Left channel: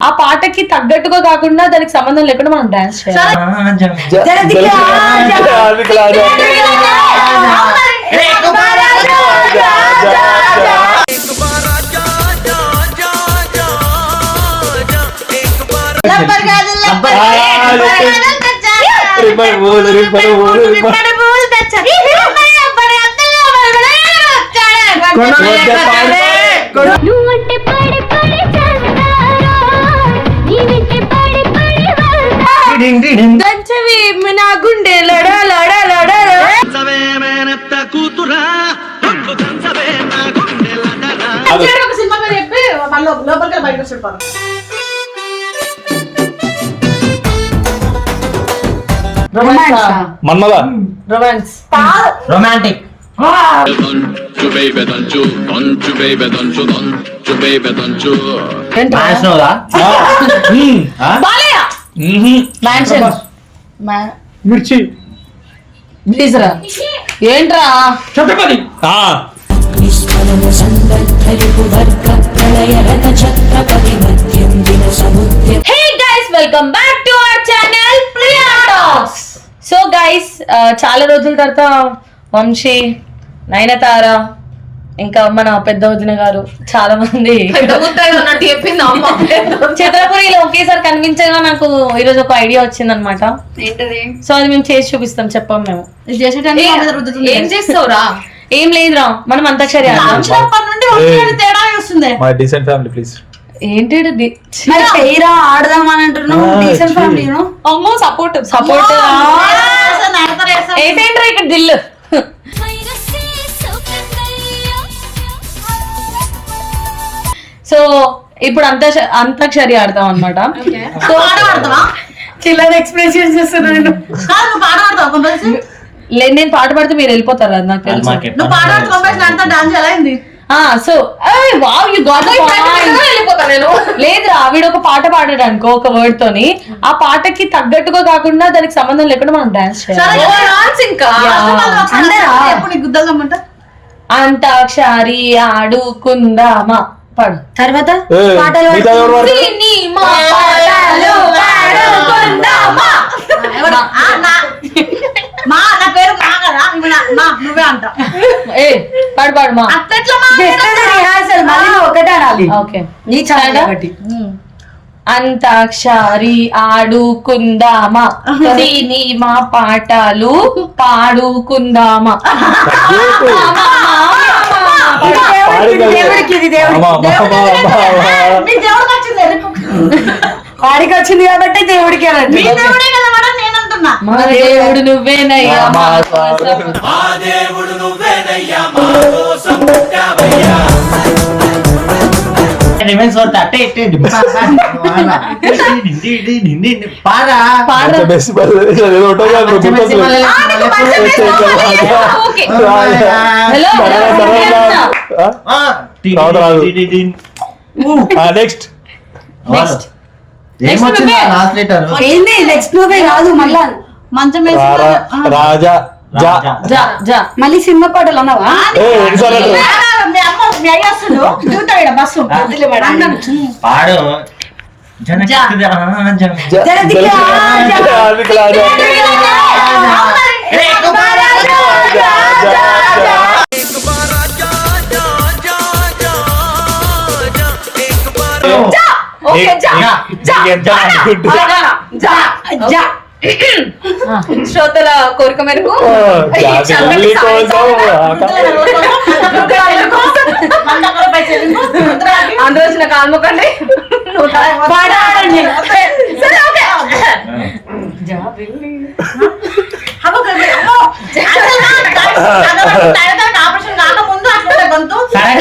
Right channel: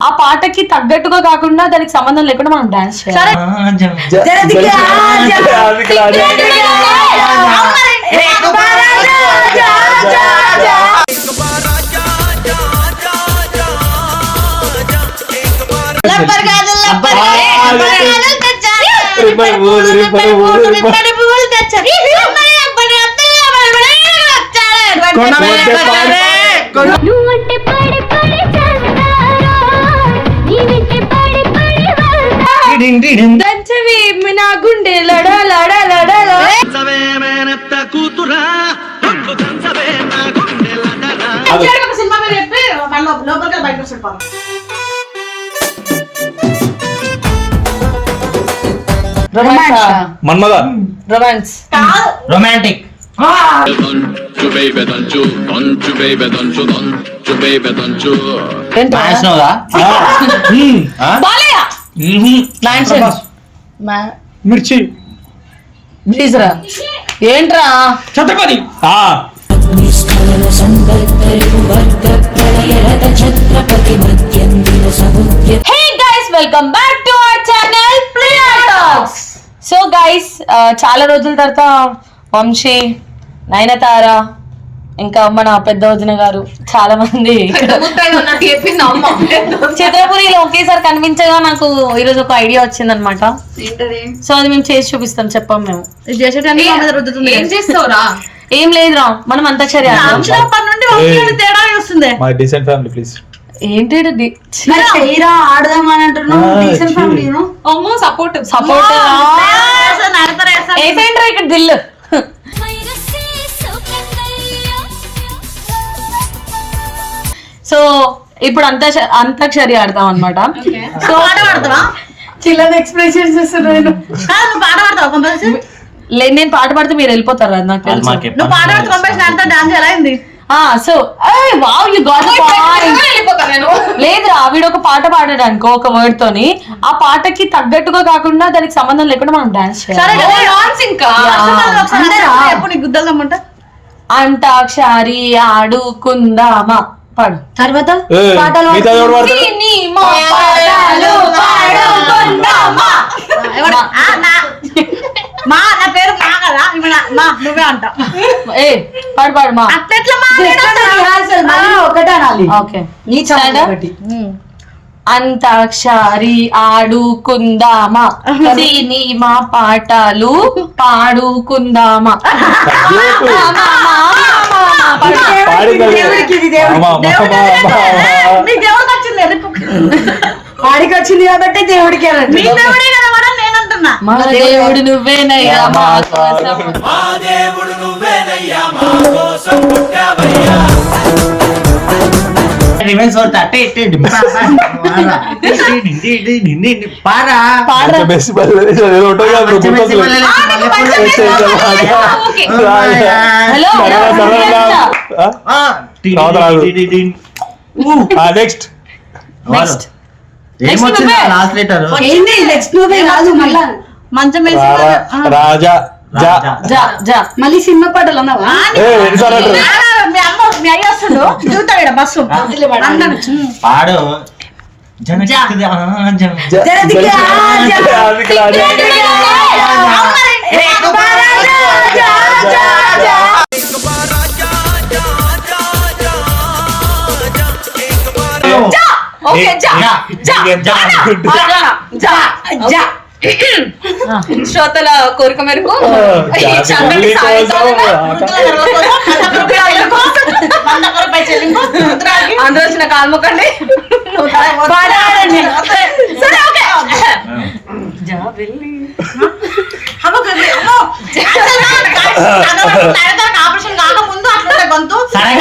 ఆ పాటకి తగ్గట్టుగా కాకుండా దానికి సంబంధం లేకుండా మనం డాన్స్ చేయాలి జ- వెళ్తా దంచవి నా గుండె లడ లడ. లడ ఒక సినిమా చెప్పి లోపలికి బయటకు పాపం. Manmadha. Romance. Romantic. Don't mansion Mirchi. Please రా ఏంట్రా Chatrapati. Hey guys welcome back to our channel Priya talks so guys చాలా రోజుల తర్వాత వంశీ నయనతార ఇంకా మన పెద్ద వదిన గారు చాలా మంది చిత్రపురిలో ఒకేసారి కనిపించగా నాకు ఈరోజు ఒక ఐడియా వచ్చింది అనమాట సో అది మేము చేసి చూపిస్తాం చెప్పాం మేము. ఏం చేస్తావురా? ఏం లేదురా మనం అంతాక్షరి ఆడదాం. చిన్నప్పటి నుండి వంశీయాన్ని తేడా చూస్తుంది. మై సో ఇప్పుడు అంత అంతాక్షరి ఆడతాం అనమాట సో పాట పాడతావా? చిల్లర ఎక్స్ప్రెషన్స్ ఇస్తున్నాను కాదు నువ్వు పాట పాడతావా లేదు నేను పాట పాడితే మీరు వెళ్ళిపోతారు అది నాకు తెలుసు. నువ్వు పాట అంతా డాన్స్ ఎలా అయింది? ఆ సో వావ్ యు గాట్ వెళ్ళిపోతా నేను. లేదురా ఆవిడ ఒక పాట పాడాడు అనుకో ఒక వర్డ్ తోని. ఆ పాటకి తగ్గట్టుగా కాకుండా దానికి సంబంధం లేకుండా మనం డాన్స్ చేయాలి. అంతాక్షరి ఆడుకుందామా? పాడు. తర్వాత ఏ, మిగతా ఎవరు వాడతారు? సినిమా పాటలు పాడుకుందామా. ఎవరు? ఆ, నా- మా నా పేరు మా కదా ఇవి నా- మా నువ్వే అంట. ఏ పాడు పాడు మా. అట్లెట్లా మా ఒకటే అనాలి ఓకే. నీ చాలా కాబట్టి అంతాక్షరి ఆడుకుందామా? సినిమా పాటలు పాడుకుందామా? తగ్గేకు. మామా, మామా, పాడు. పాడిందా లేదా? దేవుడికి ఇది దేవుడికి. ఆమా, మా, మా, మా, మా. మీ దేవుడికి వచ్చింది కాబట్టి దేవుడికి మీ దేవుడే మా నువ్వేనయ్యా మా కోసం రిమైన్స్ వర్త్ అట్టే ఇట్టే పారా మంచి బెస్ట్ బెస్ట్ ఏదో ఉంటుంది కదా, నువ్వు రాజా. హలో నెక్స్ట్ నెక్స్ట్ ఏమొచ్చింది లాస్ట్ లెటర్ ఏంది? నెక్స్ట్ మూవీ కాదు మళ్ళా? మంచం వేసి రాజా జా. జా జా. మళ్ళీ సినిమా పాటలు అన్నావా? మీ అమ్మ మీ అయ్య వస్తుండు? చూస్తాడు ఈడ బస్సు అన్నాడు. పాడు జ-. ఓకే జా. అనుకుంటా? జా. జా. శ్రోతల కోరిక మేరకు అందరూ వచ్చిన కాల్ముకండి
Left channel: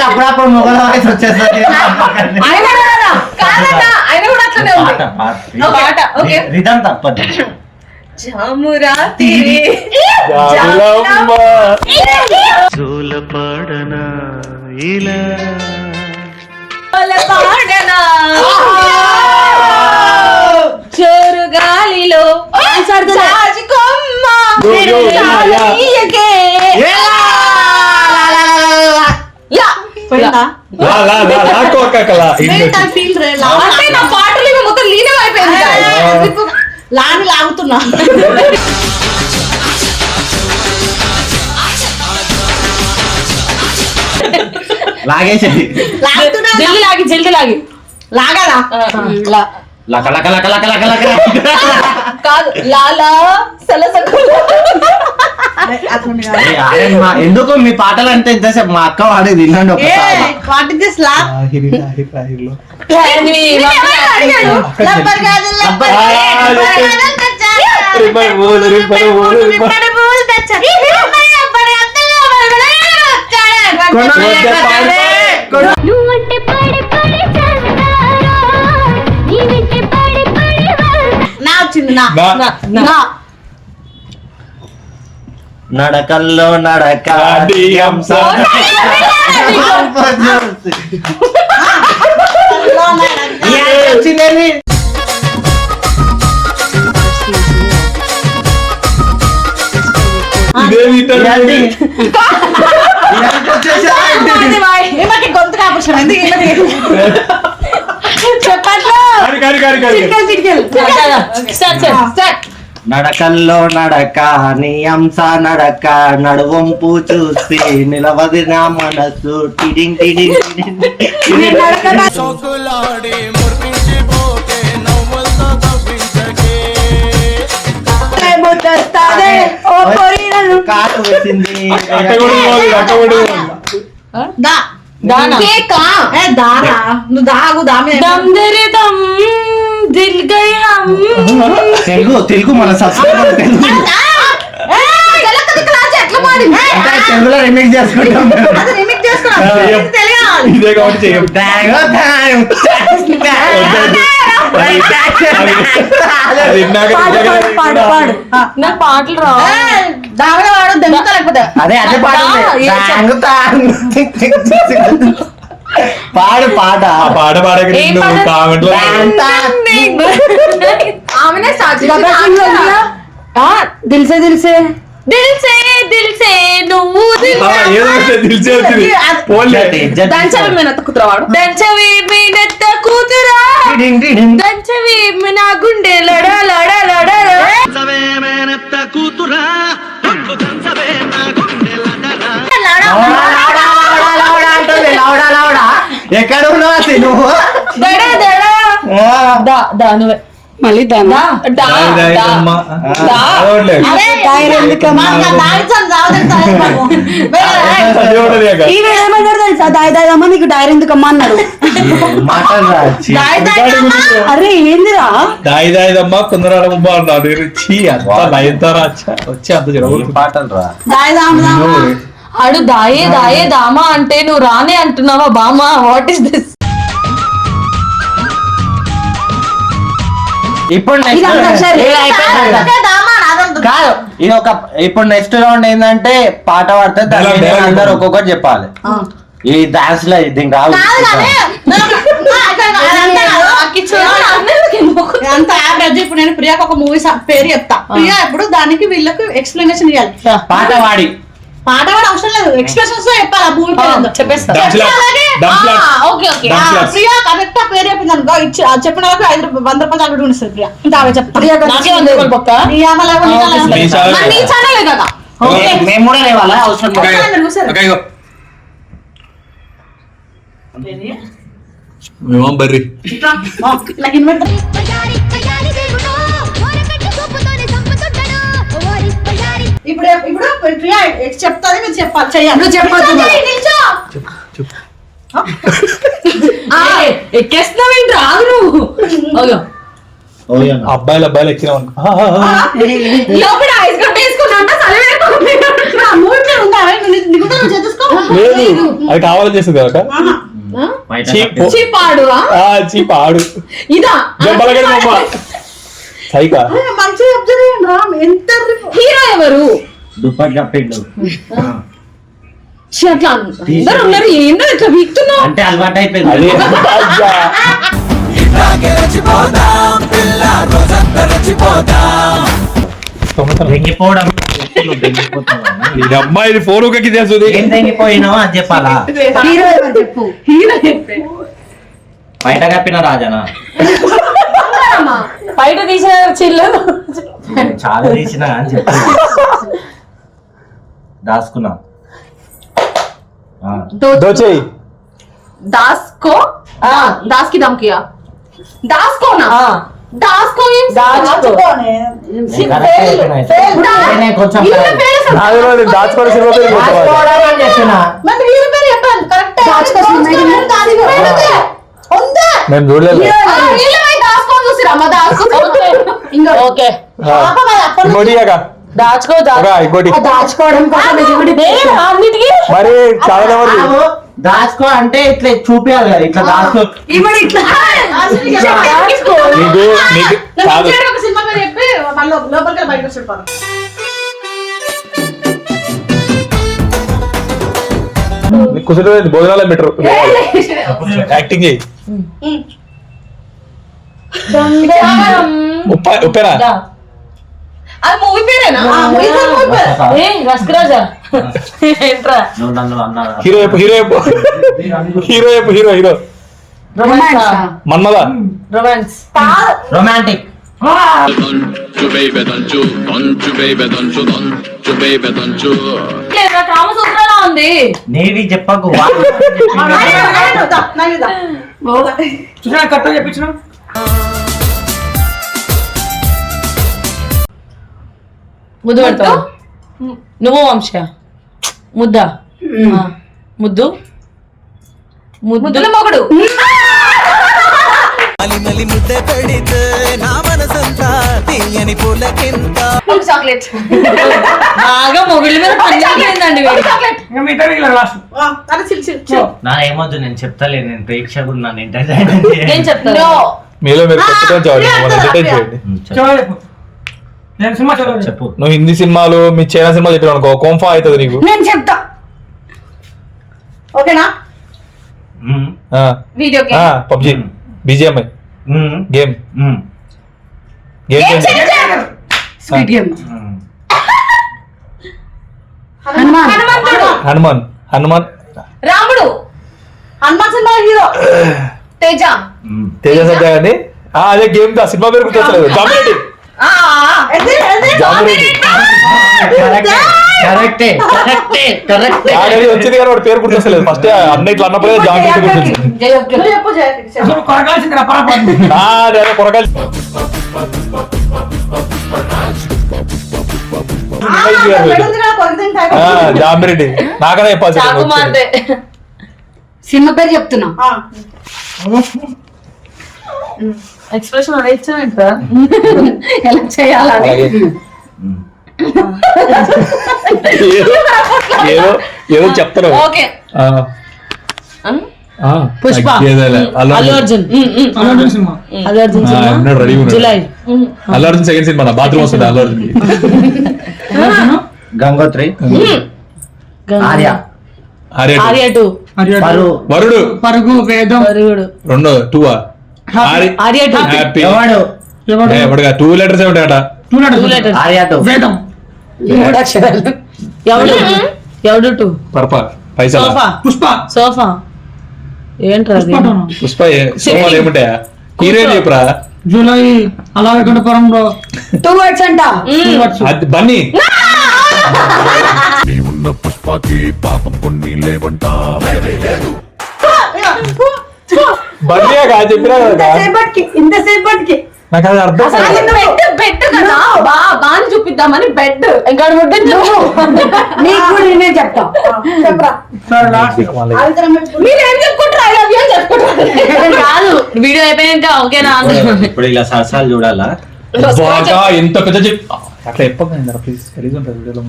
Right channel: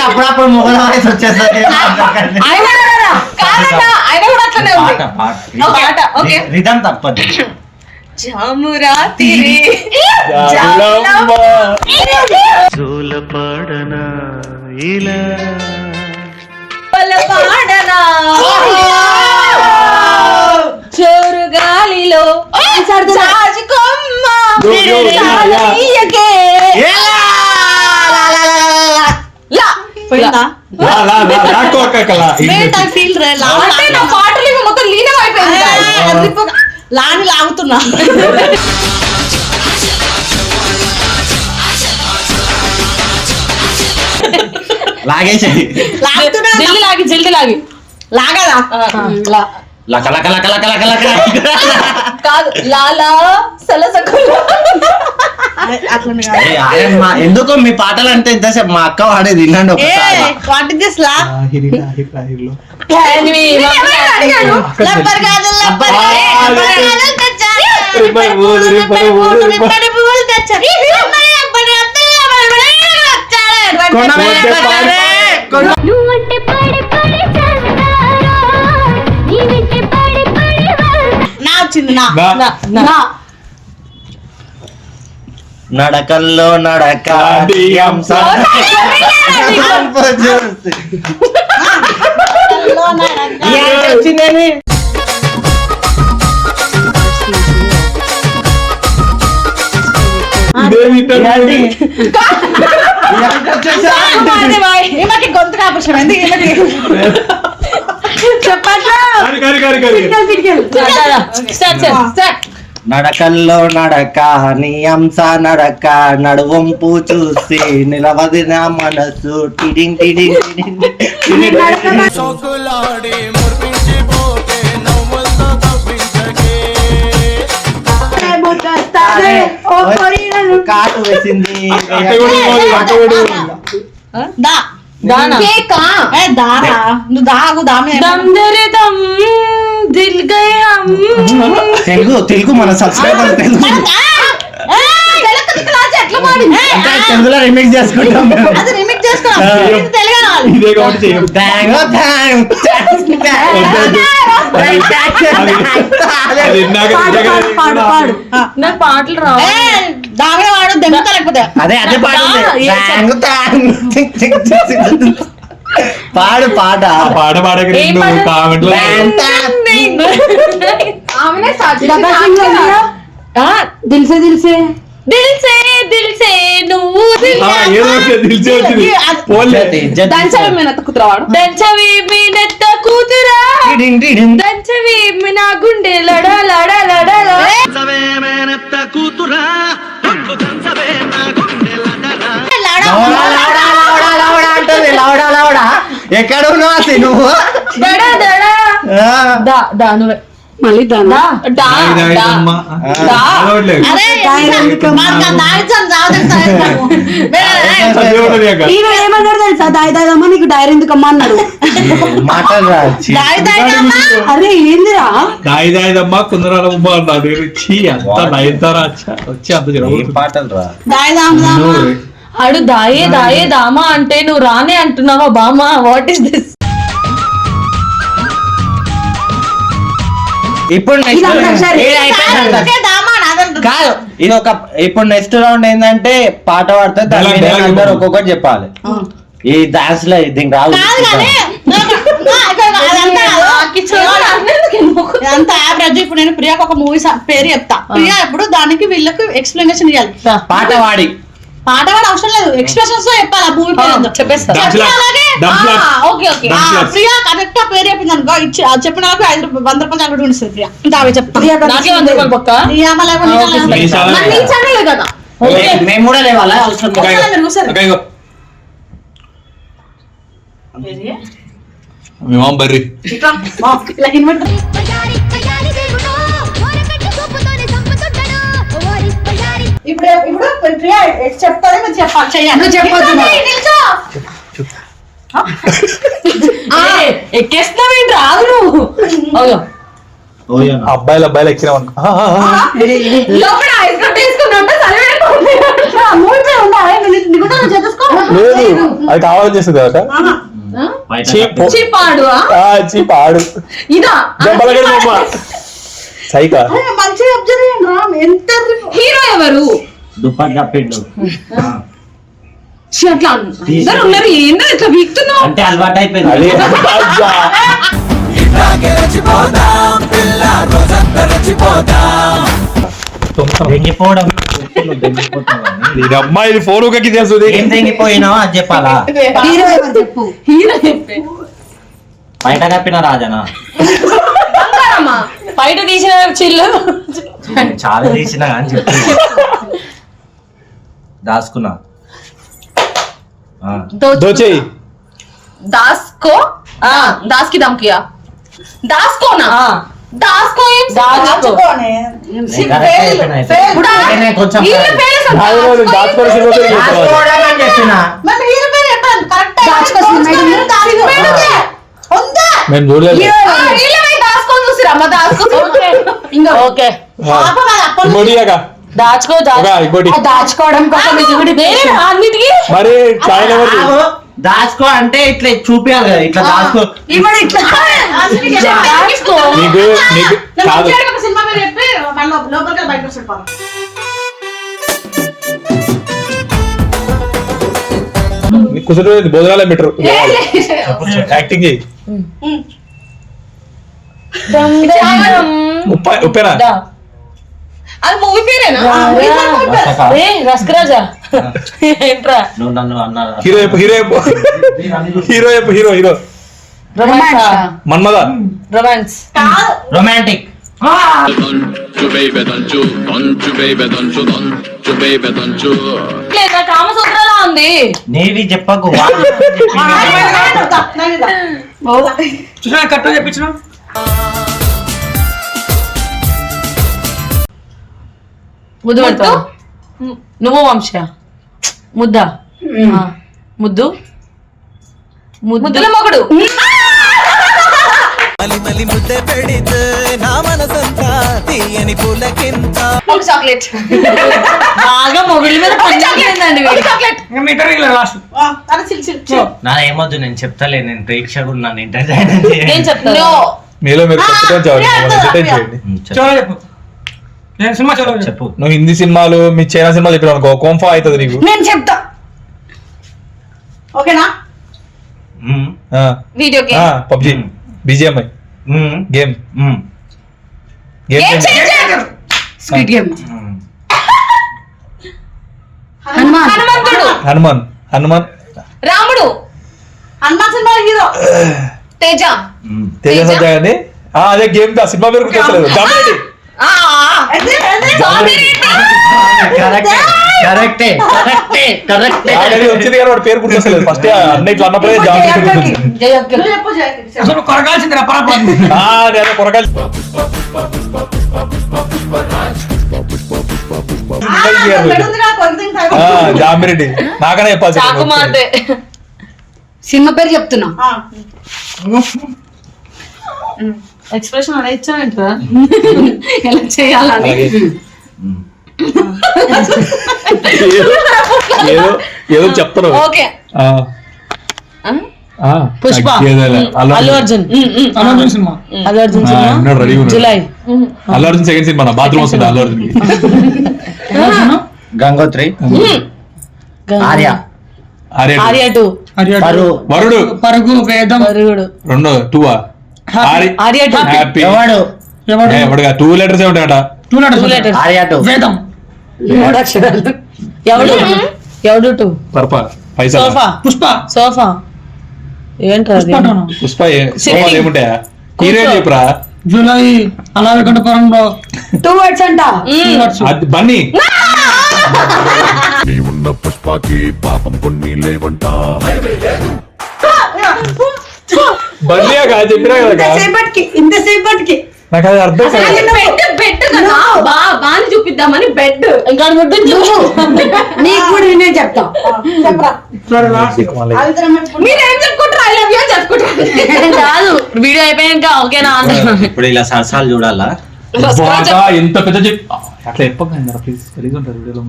అప్పుడప్పుడు మొగల్ ఆయన కూడా అట్లనే ఉంది పాట ఓకే రిధం తప్పదు జామురా తిరి జాబిలమ్మ. పాడనా చోరు గాలిలో పాటలు మొత్తం లీనం అయిపోయింది లాని లాగుతున్నా. లాగేసి లాగుతున్నా. జల్ది లాగి జల్ది లాగి. లాగదా? లక లక లక లక లక లక కాదు లాలా సలసకు ఏ, ఆయమ్మ, ఎందుకు మీ పాటలు అంటే ఇంతసేపు మా అక్క వాడేది వినండి ఒకసారి. నడకల్లో నడక? ఈమెకి గొంతు ఎందుకు నడకల్లో నడక నీ అంశ నడక నడువంపు చూసి నిలవది నా మనసు. టిడింగ్ కాటు తెలుగు తెలుగు మన సబ్స్క్రైబర్ తెలుగు తెలుగులో రిమిక్స్ చేసుకుంటాం నాకు పాటలు రావు దామే వాడు దెంగుతా లేకపోతే అదే అదే పాట ఏ పాడు పాట ఆ పాట పాడక ఏం నువ్వు పాట? దిల్సే దిల్ సే నువ్వు. దంచవి కూతురావాడు. దంచవి కూతురా. దంచవి నా గుండె లడ లడ లడ ఎక్కడ ఉన్నావు అసలు నువ్వు. మళ్ళీ ఏమన్నాడు తెలుసా? దాయి దాయదమ్మా నీకు డైరీ ఎందుకమ్మా అన్నాడు. దాయదమ్మా అరే ఏందిరా? దాయి దాయి దమ్మ కుందరాల అంత నయనతారా అచ్చ- వచ్చి అంత ఏం జరగదు పాటలు రా? దాయి దామదామా ఆడు దాయే దాయే దామా అంటే నువ్వు రానే అంటున్నావా బామా? వాట్ ఇస్ దిస్ ఇప్పుడు కాదు. ఇది ఒక ఇప్పుడు నెక్స్ట్ రౌండ్ ఏంటంటే పాట పాడితే. అందరు ఒక్కొక్కటి చెప్పాలి. ఈ డాన్స్లో ఇది కాదు అంత యావరేజ్ ఇప్పుడు నేను ప్రియాకి ఒక మూవీ పేరు చెప్తా. ప్రియా ఇప్పుడు దానికి వీళ్ళకి ఎక్స్ప్లెనేషన్ ఇవ్వాలి పాట పాడి. పాట కూడా అవసరం లేదు. ఎక్స్ప్రెషన్స్ చెప్పాలి. చెప్పేస్తా. ఓకే. ప్రియా కరెక్ట్ పేరు చెప్పింది అనుకో. ఇచ్చి చెప్పిన వాళ్ళకి ఐదు రూపాయలు వంద రూపాయలు చాలు ఉంటుంది ప్రియా. ఇంకా అవే చెప్తా. నాకే వంద రూపాయలు పక్క ప్రియా మళ్ళా ఆ, ఓకే, సరే. నీ ఛానల్ మరి నీ ఛానల్ కదా మేము కూడా లేవాలా? అవసరం. మేమం బర్రి. ఇప్పుడు ఇప్పుడు ప్రియా చెప్తాది మీరు చెప్పాలి. చేయాలి నువ్వు చెప్పొద్దు ఎక్కేస్తున్నావేంటి రాదు నువ్వు. అబ్బాయిలు అబ్బాయిలు ఎక్కినాం లేదు. అది కావాలని చేస్తుంది కదా బయట చీ, పో. పాడు ఆ, చీ పాడు ఇదా దెబ్బలగడి బొమ్మ. సైకా అరే, మంచిగా అబ్జర్వ్ చేయండి రా ఎంత రిప్- హీరో ఎవరు? దుప్పటి కప్పిండు. ఛీ, అట్లా అందరు ఉన్నారు ఏందో ఇట్లా వీక్తున్నావు? అంటే అలవాటు అయిపోయింది. అదే. అబ్బా. తొమ్మిది చేస్తాను దెంగిపోవడం నువ్వు దెంగిపోతున్నావు ఇది అమ్మాయి ఫోన్ ఊకకి చేస్తుంది. ఏం దెంగిపోయినావు అది చెప్పాలా? హీరో ఎవరు చెప్పు? బయట కప్పిన రాజనా? బయట తీసిన చిల్లు. చాలా తీసిన అని చెప్పు. దాచుకున్నా. ఆ, దోచేయి. దాస్కో దాస్కి దమ్ కియా దాస్కో నా ఆ, దాస్కో. పేరు సినిమా పేరు? దాచుకోవడం పేరు సినిమా ఉందా? మేము చూడలేదు. ఇంకోటి మరి కాదు, దాచుకో అంటే ఇట్లా చూపియాలి కదా ఇట్లా దాచుకో. నీకు నీకు కాదు. బెటర్ యాక్టింగ్ చేయి. ఉప్పేనా దా. అది మూవీ పేరేనా ఏ రస్కరాజా ఏంట్రా నువ్వు నన్ను అన్నా హీరో చెప్పు hero hero Manmadha romance romantic navy చెప్పకు. చెప్పింది. ముద్దు పెడతావు? నువ్వు వంశ? ముద్ద? ఆ, ముద్దు? ముద్దు? ముద్దుల మొగుడు. ఒక చాక్లెట్. బాగా మొగుళ్ళ మీద చిల్ నా ఏమొద్దు నేను చెప్తాలే నేను ప్రేక్షకుడు నన్ను ఎంటర్టైన్ నేను చెప్తాను. మీలో మీరు కొత్తగా చావాలి ఎంటర్టైన్ చేయండి. చెప్పు. నువ్వు హిందీ సినిమాలు మీ చైనా సినిమాలు చెప్పావు అనుకో కోంఫా అవుతుంది నీకు. నేను చెప్తా. ఓకేనా. Video game PUBG. BGMI. Game. Game sweet game. Hanuman. Hanuman. Hanuman రాముడు. Hanuman cinema hero. Teja. Teja Sajja అని ఆ, అదే గేమ్ దా? సినిమా పేరు గుర్తొచ్చలేదు జామిరెడ్డి వచ్చింది కానీ వాడి పేరు గుర్తొచ్చలేదు ఫస్ట్ అన్న ఇట్లా అన్నప్పుడే జామిరెడ్డి గుర్తొచ్చింది. నువ్వు చెప్పు జయకృష్ణ ఆ, నేను కొరకాలి ఆ, జామిరెడ్డి నాకనే చెప్పాల్సి సినిమా పేరు చెప్తున్నా. ఎక్స్ప్రెషన్ అడేచ్చావేంట్రా ఎలా చేయాలని. ఏదో చెప్తారు ఓకే. ఆ, ఆ, Pushpa. Allu Arjun. Allu Arjun. Julayi. Allu Arjun second cinema bathroom వస్తుంది అల్లు అర్జున్ గంగోత్రి. ఆర్య. ఆర్య టూ. వరుడు పరుగు వేదం. రెండు two Arya Arya two happy Yevadu? ఎవడుగా? Two letters ఉంటాయట? టూ లెటర్స్ ఆర్య టూ మూడు అక్షరాలు ఎవడు ఎవడు? టూ? పర్ప. పైసా సోఫా. పుష్ప. సోఫా. ఏంట్రా పుష్ప ఏముంటాయా? చెప్పురా జూలై అలాగంటపురంలో టూ వర్డ్స్ అంట. అది బన్నీ. నీవున్న పుష్పకి పాపం కొన్ని లేవంటా. కాదు చెప్పినా కదా ఇంతసేపటికి ఇంతసేపటికి. నాకు అది అర్థం కాదు బెడ్ బెడ్ కదా? బా బాని చూపిద్దామని బెడ్. ఇంకా ముద్దు నీకు కూడా నేనే చెప్తా. చెప్పరా? మీరు ఏం చెప్పుకుంటారు? ఐ లవ్ యూ అని చెప్పుకుంటారు. కాదు వీడియో అయిపోయాక ఓకేనా? ఇప్పుడు ఇలా సరసాలు చూడాలా? బాగా ఎంత పెద్ద చెప్పి అట్లా చెప్పకండి ప్లీజ్ గలీజ్ ఉంటుంది వీడియోలో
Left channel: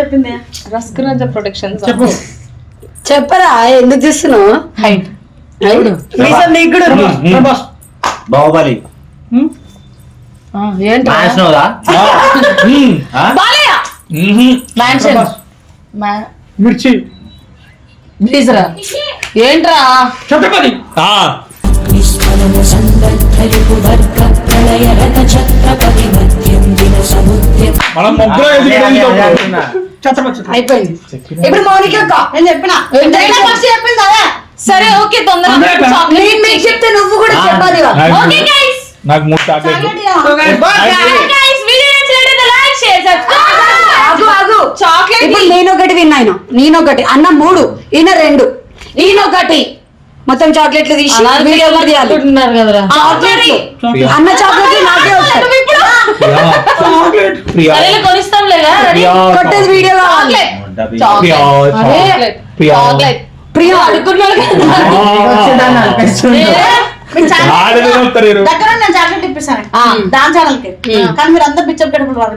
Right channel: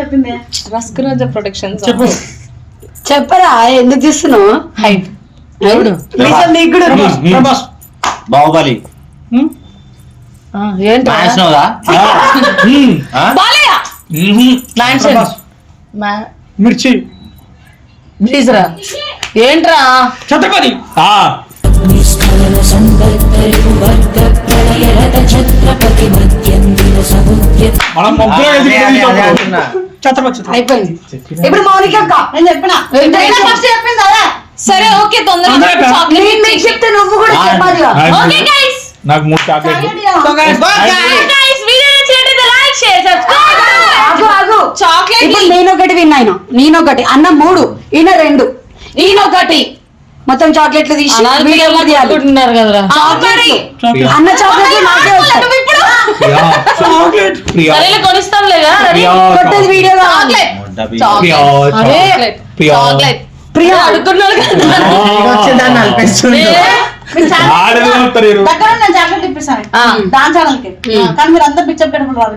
చెప్పింది. రస్కరాజ ప్రొటెక్షన్ చెప్పరా ఎందుకు చూస్తున్నావు? హైట్ ఎవడు నీకు కూడా ఉంది. బాహుబలి. బాలయ్య! మ్యాన్షన్ మిర్చి. ప్లీజ్ రా ఏంట్రా? ఛత్రపతి ఆ, అయిపోయింది. ఇప్పుడు మౌనిక అక్క నేను చెప్పిన? ఏంటంటే- ఫస్ట్ చెప్పింది అదే. సరే ఓకే తొందరగా నేను మీకు చెప్తే నువ్వు కూడా చెప్పాలి నాకు ఓకే గైస్ మూడు చాక్లెట్ ఇప్పుడు నేను ఒకటి విన్ అయినా నేను ఒకటి అన్న మూడు ఈయన రెండు. ఈయన ఒకటి మొత్తం చాక్లెట్లు తీసి వీడియో కదరా. చాక్లెట్లు. అన్న చాక్లెట్లు నాకే వస్తాయి. వీడియో కావాలి ప్రియా. చాక్లెట్. దగ్గర నేను ఇప్పిస్తాను. ఛానల్కి కానీ మీరు అందరు వాళ్ళు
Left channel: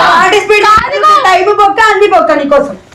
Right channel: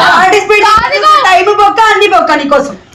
పార్టిసిపేట్ టైం బొక్క అన్ని బొక్క నీకోసం.